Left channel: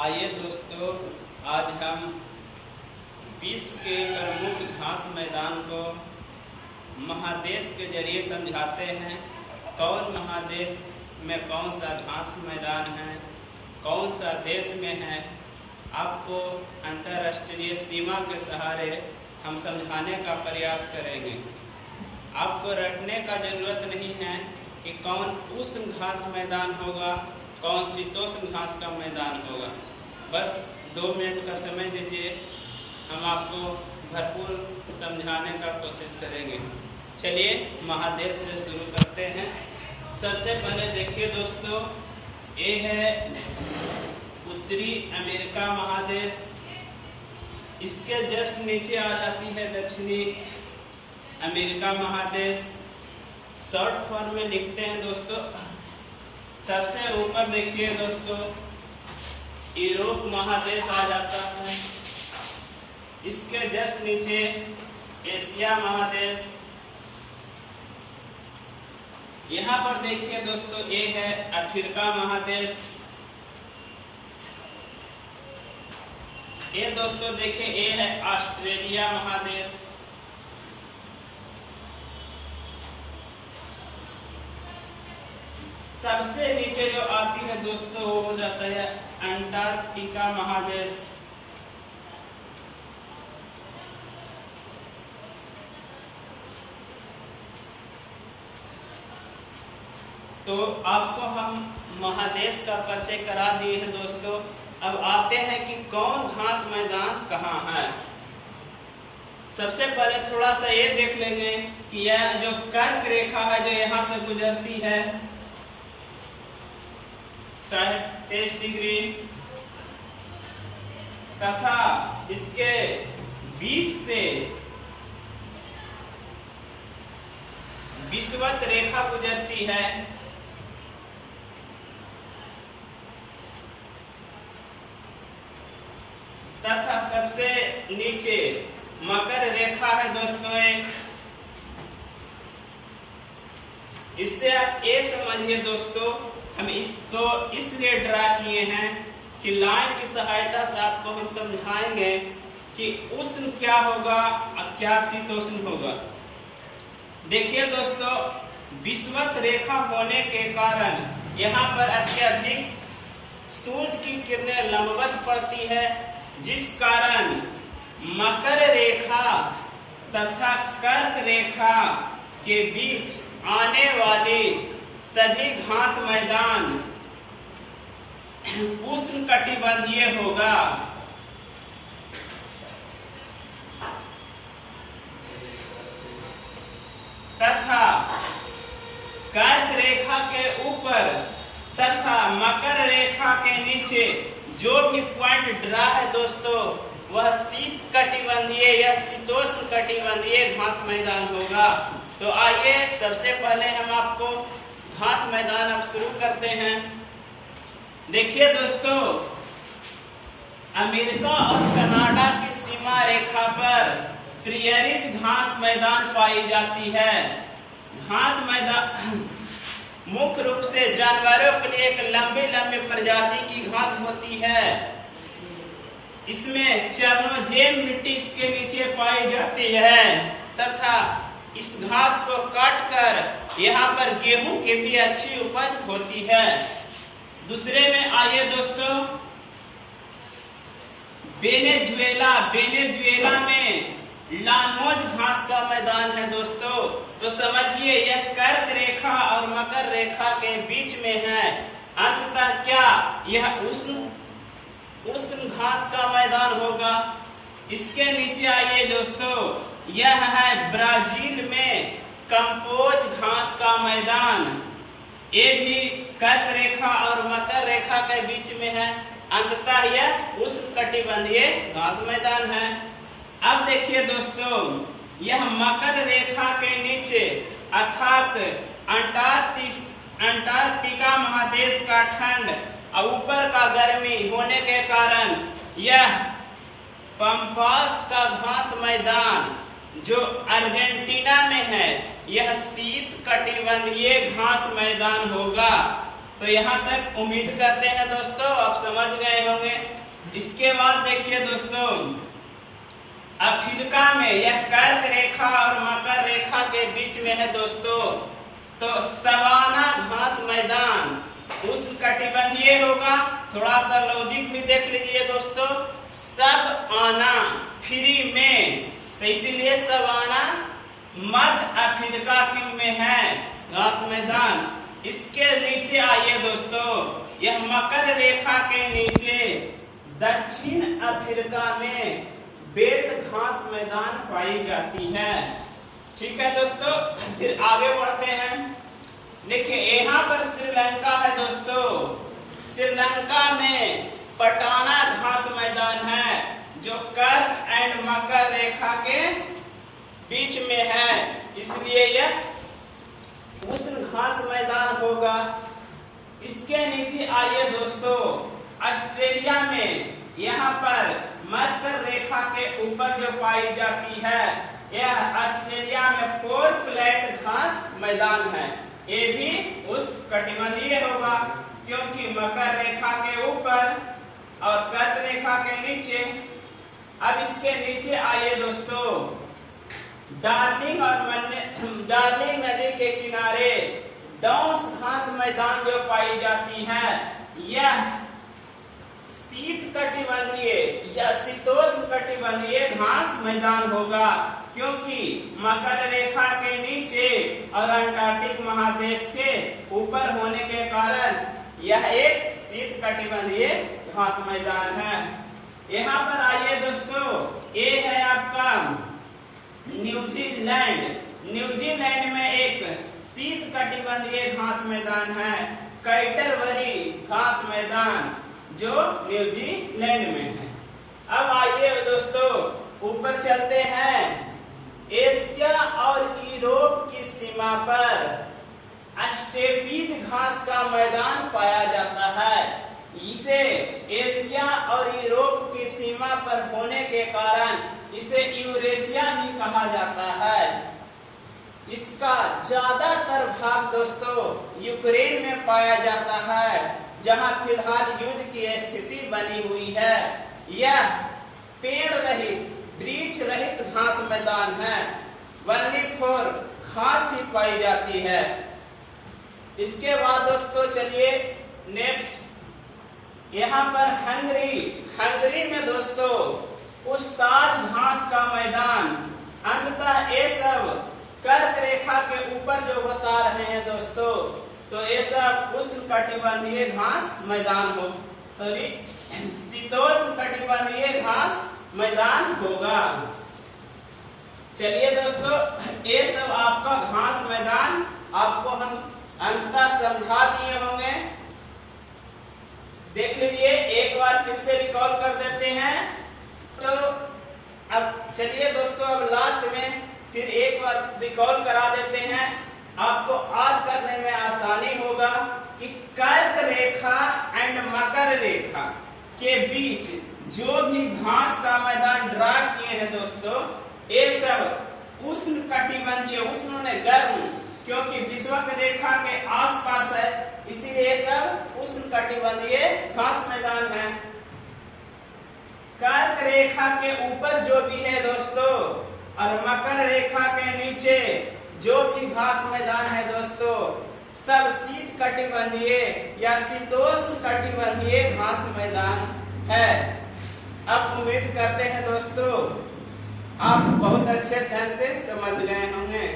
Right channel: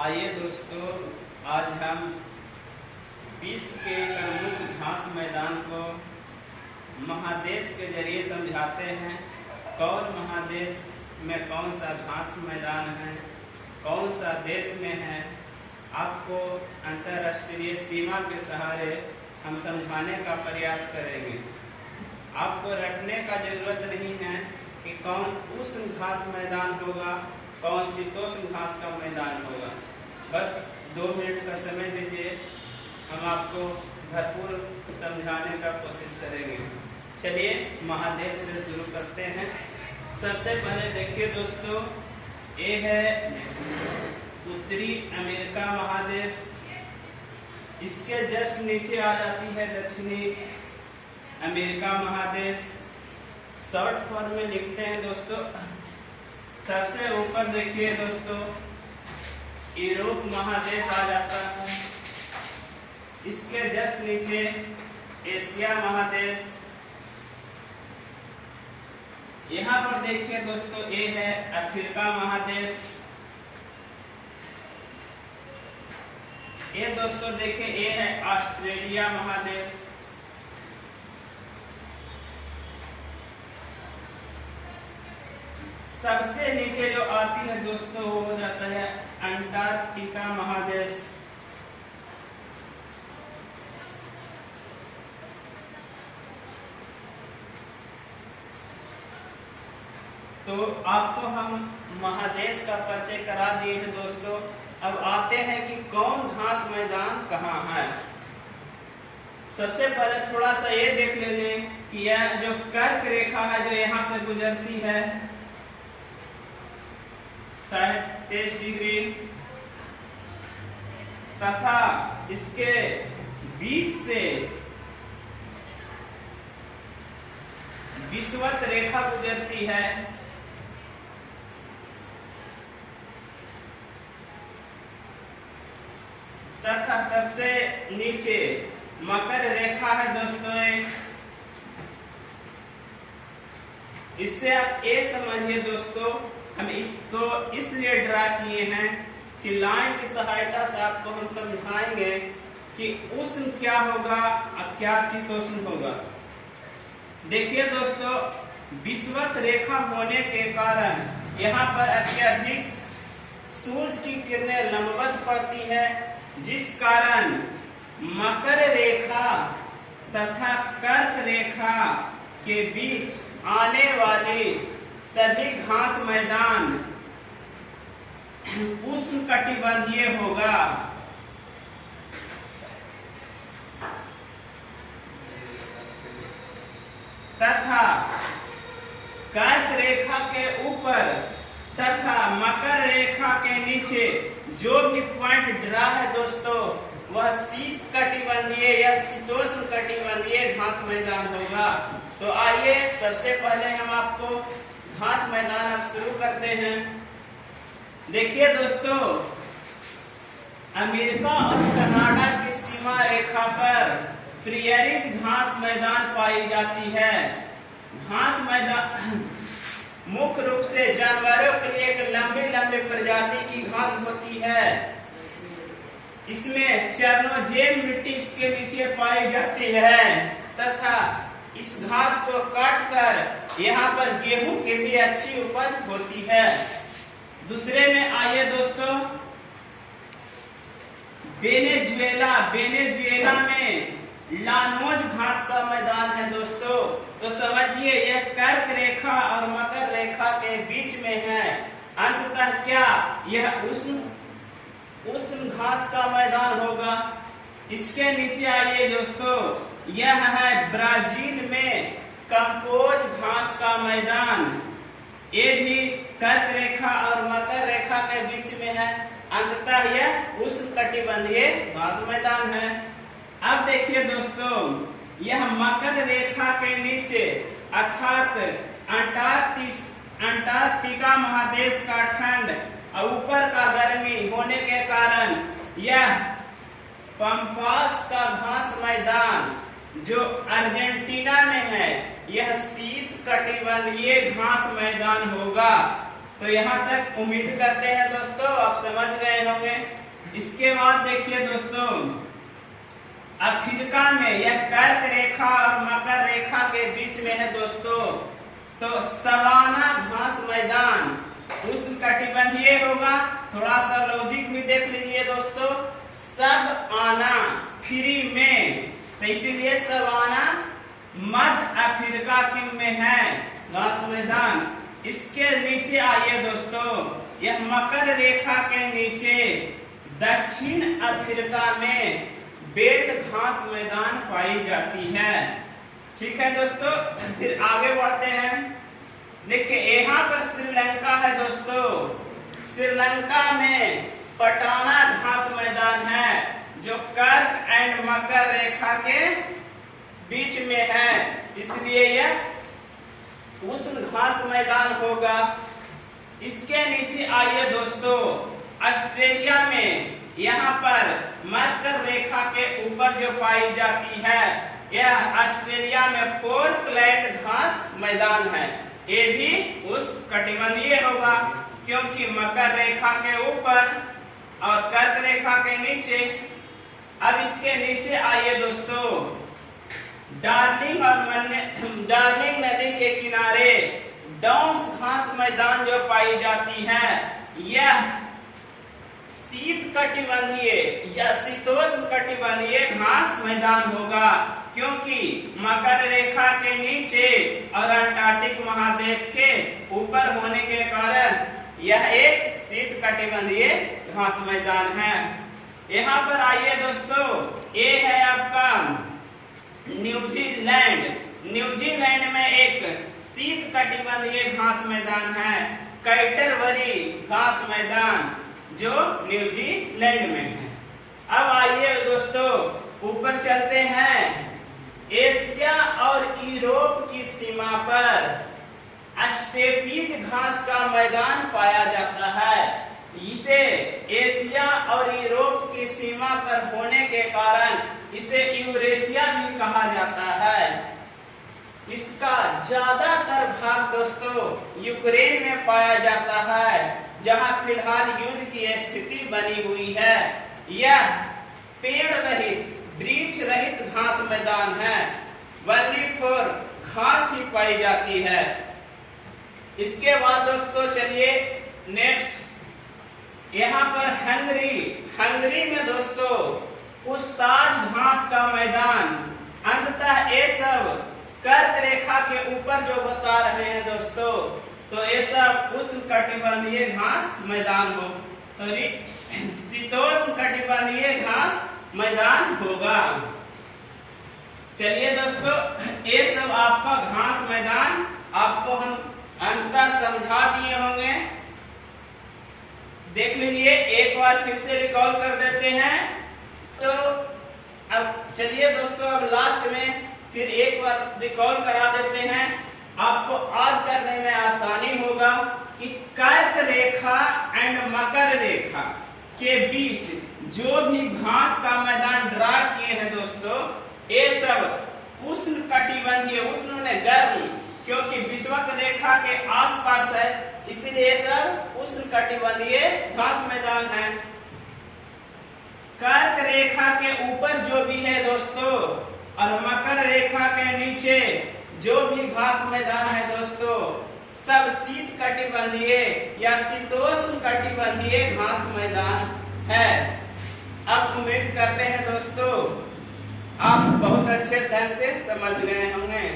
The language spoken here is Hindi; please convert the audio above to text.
आइए दोस्तों, आज हम विश्व के प्रमुख घास मैदान को महादेश के जरिए समझाते हैं। कौन महादेश में कौन सा घास मैदान है, कौन सा देश में है, आपको अंतर्राष्ट्रीय सीमा के सहारे हम समझाने का प्रयास करेंगे। आपको रटने का जरूरत नहीं है कि कौन उष्ण घास मैदान होगा, कौन शीतोष्ण घास का मैदान होगा। बस 2 मिनट का समय दीजिए, हम आपको भरपूर समझाने का कोशिश करेंगे। चलिए महादेश से शुरू करते हैं। सबसे पहले देखिए दोस्तों, ये है उत्तरी अमेरिका महादेश। इसके जस्ट नीचे आ जाती है दक्षिणी अमेरिका महादेश। शॉर्ट फॉर्म में लिखते हैं दोस्तों। सबसे ऊपर देखिए दोस्तों, यूरोप महादेश आ जाता है। इसके जस्ट नीचे एशिया महादेश। यहाँ पर देखिए दोस्तों, ये है अफ्रीका महादेश। ये दोस्तों देखिए, ये है ऑस्ट्रेलिया महादेश। सबसे नीचे जो आती है दोस्तों, वो हो जाता है अंटार्कटिका महादेश। तो आपको हम महादेश का परिचय करा दिए हैं दोस्तों। अब आते हैं कि कौन घास मैदान कहाँ है। सबसे पहले थोड़ा सा ये देख लेंगे कि यह जो कर्क रेखा है जो यहाँ से गुजरती है 23.5 डिग्री, तथा इसके बीच से विषुवत रेखा गुजरती है तथा सबसे नीचे मकर रेखा है दोस्तों एक। इससे आप ये समझिए दोस्तों, हम इसको इसलिए ड्रा किए हैं कि लाइन की सहायता से आपको हम समझाएंगे कि उष्ण क्या होगा और क्या शीतोष्ण होगा। देखिए दोस्तों, विषुवत रेखा होने के कारण यहाँ पर अत्यधिक सूरज की किरणें लंबवत पड़ती है, जिस कारण मकर रेखा तथा कर्क रेखा के बीच आने वाली सभी घास मैदान उष्ण कटिबंधीय होगा। तथा कर्क रेखा के ऊपर तथा मकर रेखा के नीचे जो भी पॉइंट ड्रा है दोस्तों, वह शीत कटिबंधीय या शीतोष्ण कटिबंधीय घास मैदान होगा। तो आइए सबसे पहले हम आपको घास मैदान अब शुरू करते हैं। देखिए दोस्तों, अमेरिका और कनाडा की सीमा रेखा पर प्रियरित घास मैदान पाई जाती है। घास मैदान मुख्य रूप से जानवरों के लिए एक लंबी लंबी प्रजाति की घास होती है। इसमें चर्नोजेम मिट्टी इसके नीचे पाई जाती है तथा इस घास को काटकर यहाँ पर गेहूं की भी अच्छी उपज होती है। दूसरे में आइए दोस्तों, वेनेजुएला में लानोज घास का मैदान है दोस्तों। तो समझिए, यह कर्क रेखा और मकर रेखा के बीच में है। अंततः क्या यह उष्ण घास का मैदान होगा। इसके नीचे आइए दोस्तों, यह है ब्राजील में कंपोज घास का मैदान। ये भी कर्क रेखा और मकर रेखा के बीच में है। अंततः यह उष्ण कटिबंधीय घास मैदान है। अब देखिए दोस्तों, यह मकर रेखा के नीचे अर्थात अंटार्कटिका महादेश का ठंड और ऊपर का गर्मी होने के कारण यह पंपास का घास मैदान जो अर्जेंटीना में है, यह शीत कटिबंधीय घास मैदान होगा। तो यहाँ तक उम्मीद करते हैं दोस्तों आप समझ गए होंगे। इसके बाद देखिए दोस्तों, अफ्रीका में यह कर्क रेखा और मकर रेखा के बीच में है दोस्तों। तो सवाना घास मैदान उष्णकटिबंधीय होगा। थोड़ा सा लॉजिक भी देख लीजिए दोस्तों, सब आना फ्री में, तो इसीलिए सवाना मध्य अफ्रीका में है घास मैदान। इसके नीचे आइए दोस्तों, यह मकर रेखा के नीचे दक्षिण अफ्रीका में बेल्ट घास मैदान पाई जाती है। ठीक है दोस्तों, फिर आगे बढ़ते हैं। देखिए यहाँ पर श्रीलंका है दोस्तों। श्रीलंका में पटाना घास मैदान है जो कर्क एंड मकर रेखा के बीच में है, इसलिए यह उष्ण घास मैदान होगा। इसके नीचे आइए दोस्तों, ऑस्ट्रेलिया में यहाँ पर मकर रेखा के ऊपर जो पाई जाती है, यह ऑस्ट्रेलिया में फोर्कलैंड घास मैदान है। ये भी उष्णकटिबंधीय होगा क्योंकि मकर रेखा के ऊपर और कर्क रेखा के नीचे। अब इसके नीचे आइए दोस्तों, डार्लिंग नदी के किनारे डाउन्स घास मैदान जो पाई जाती है, यह शीतकटिबंधीय या शीतोष्ण कटिबंधीय घास मैदान होगा क्योंकि मकर रेखा के नीचे और अंटार्कटिक महादेश के ऊपर होने के कारण यह एक शीतकटिबंधीय घास मैदान है। यहाँ पर आइए दोस्तों, ये है आपका न्यूजीलैंड। न्यूजीलैंड में एक शीतकटिबंधीय घास मैदान है, कैटरबरी घास मैदान, जो न्यूजीलैंड में है। अब आइए दोस्तों ऊपर चलते हैं। एशिया और यूरोप की सीमा पर स्टेपीज घास का मैदान पाया जाता है। इसे एशिया और यूरोप की सीमा पर होने के कारण इसे यूरेशिया भी कहा जाता है। इसका ज्यादातर भाग दोस्तों यूक्रेन में पाया जाता है, जहां फिलहाल युद्ध की स्थिति बनी हुई है। यह पेड़ रहित, वृक्ष रहित घास मैदान है, वनली फॉर घास ही पाई जाती है। इसके बाद दोस्तों चलिए नेक्स्ट, यहाँ पर हंगरी में दोस्तों उस्ताद घास का मैदान। अंततः ये सब कर्क रेखा के ऊपर जो बता रहे हैं दोस्तों, तो ये सब उष्णकटिबंधीय घास मैदान हो, सॉरी शीतोष्ण कटिबंधीय घास मैदान होगा। चलिए दोस्तों, ये सब आपका घास मैदान आपको हम अंततः समझा दिए होंगे। देख लीजिए, एक बार फिर से रिकॉल कर देते हैं। तो अब चलिए दोस्तों, अब लास्ट में फिर एक बार रिकॉल करा देते हैं, आपको याद करने में आसानी होगा कि कर्क रेखा एंड मकर रेखा के बीच जो भी घास का मैदान ड्रा किए हैं दोस्तों, ये सब उष्ण कटिबंधीय, उष्ण ने गर्म, क्योंकि विषुवत रेखा के आसपास है, इसीलिए सब उष्ण कटिबंधीय घास मैदान है। कर्क रेखा के ऊपर जो भी है दोस्तों और मकर रेखा के नीचे जो भी घास मैदान है दोस्तों, सब शीत कटिबंधीय या शीतोष्ण कटिबंधीय घास मैदान है। अब उम्मीद करते हैं दोस्तों आप बहुत अच्छे ढंग से समझ गए होंगे।